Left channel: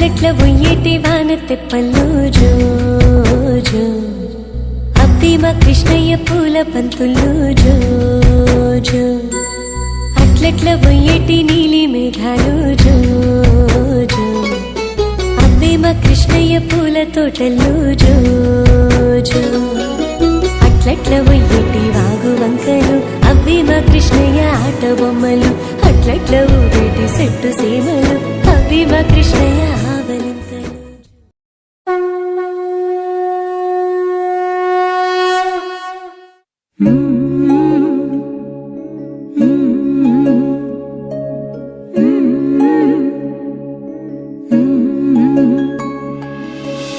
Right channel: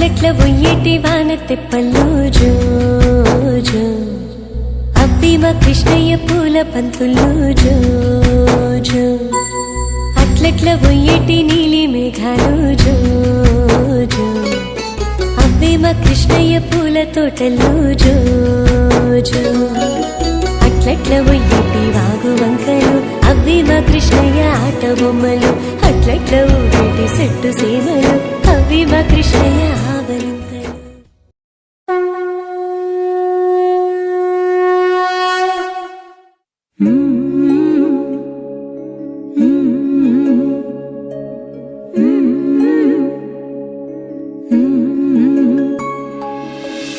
అట్లట్ల ఒయ్యేటి వాన తెప్పల్లో జో జో అవ్వి మా కృష్ణయ్య పూల పంతుల్లో జో జో అట్లట్ల ఒయ్యేటి నీలి మేఘాలు జో జో అవ్వి మా కృష్ణయ్య పూల తోటల్లో జో జో అట్లట్ల ఒయ్యేటి వాగు వంకలు అవ్వి మా కృష్ణయ్య ఆట బొమ్మలు అట్లట్ల ఊరేటి సెట్టు సీమలు అవ్వి మా కృష్ణయ్య ఆవలింతలు.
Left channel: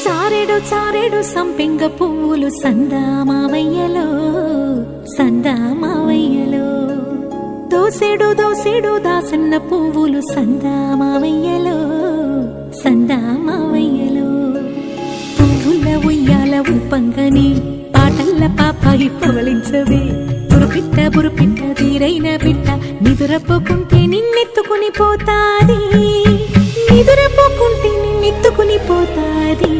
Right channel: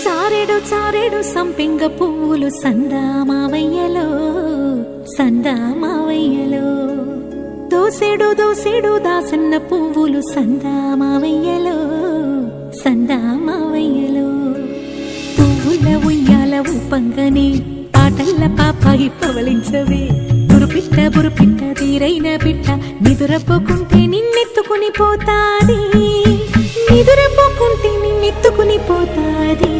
చారెడు చారెడు సంపెంగ పువ్వులు సందామావయ్యలో సందామావయ్యలో దోసెడు దోసెడు దాసన్న పువ్వులు సందామావయ్యలో సందామావయ్యలో పువ్వుల ఉయ్యాల ఊపంగని పాటల్ల పాపాయి పవలించవే బురుపిట్ట తీరైన పిట్ట నిదురపోకుంటే నిన్నెత్తుకుని పోతాది నిదురపోకుంటే నిన్నెత్తుకుని పోతాది.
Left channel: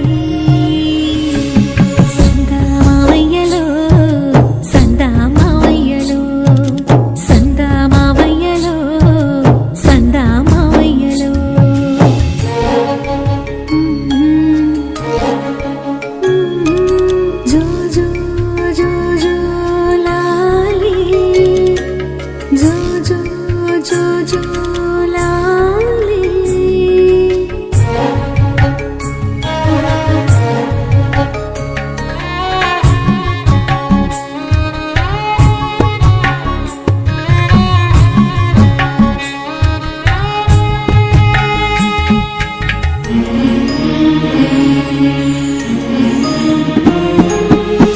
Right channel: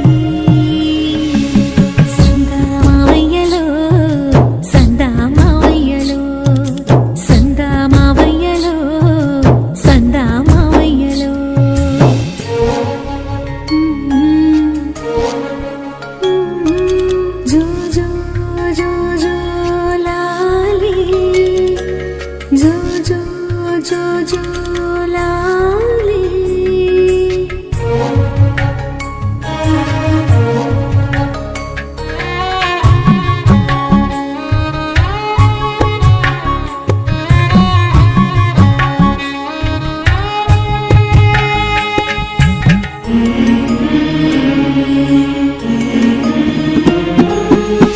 సందామావయ్యలో సందామావయ్యలో సందామావయ్యలో సందామావయ్యలో జో జో జో జో లాలి జో జో జో జో లాలి.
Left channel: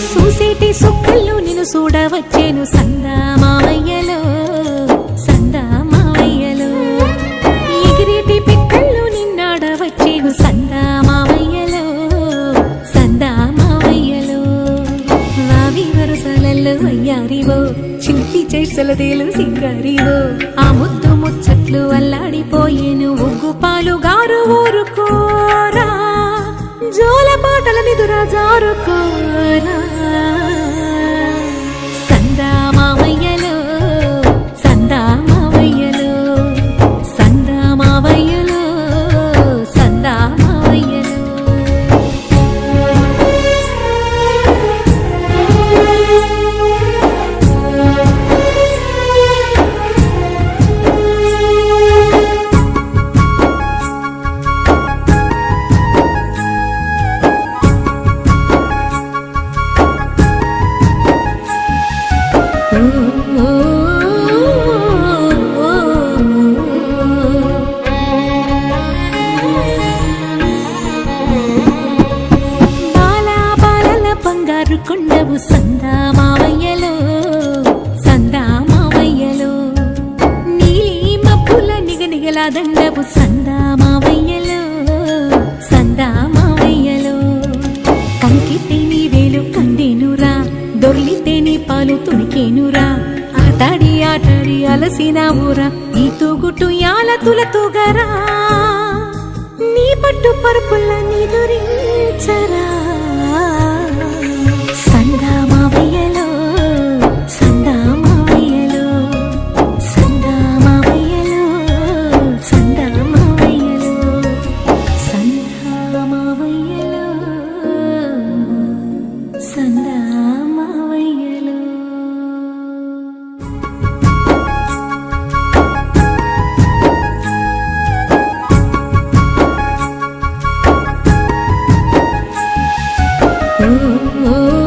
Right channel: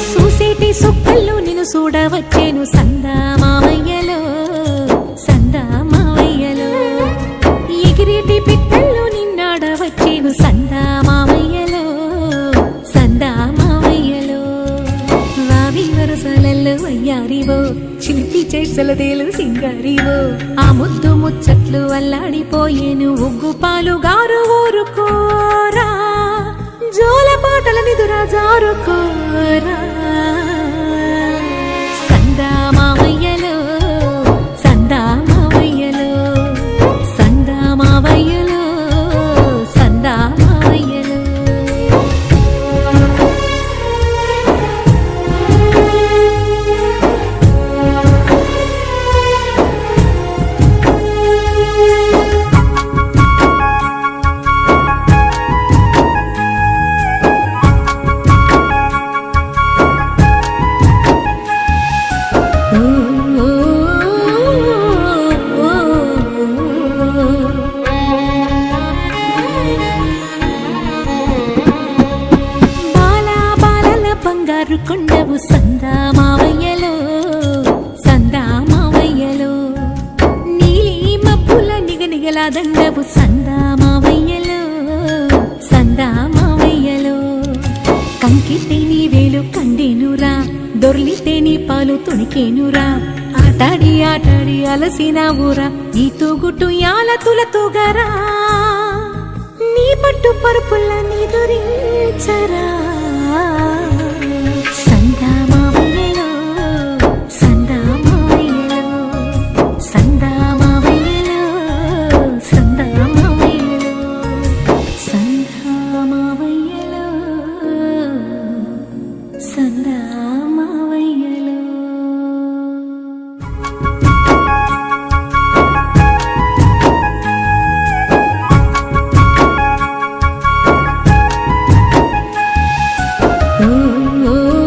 చూసేటి సుక్కల్లో నిన్ను చూడవచ్చేను సందామావయ్యలో సందామావయ్యలో ఎగిరేటి పిట్టల్లో నిన్నాడవచ్చేను సందామావయ్యలో సందామావయ్యలో వావి వరసలల్లో అయ్యారివో చిలిపి చేసలదేలు సింగారివో ఆ ముద్దు ముచ్చట్లు అల్లాడిపోయేను ఉగ్గు పాలు గారు ఊరుకోరా జోల పాటల నిదురా జారుకోరా. సందామావయ్యలో సందామావయ్యలో సందామావయ్యలో సందామావయ్యలో బంగారు కొండవు సందామావయ్యలో సందామావయ్యలో నీలి మబ్బుల నిగనిగల దండవు సందామావయ్యలో సందామావయ్యలో కంకితే నీ వేలు కందేనురా దొర్లితే నీ పాలు తుణికేనురా ఆటాడి ఆటాడి అలసిన ఊరా ఈ తూగుటు యాల తులతూగరా నీ పట్టు పరుపుల్ల నిదురించరా. సందామావయ్యలో సందామావయ్యలో సందామావయ్యలో సందామావయ్యలో సందామావయ్యలో సందామావయ్యలో. ఓ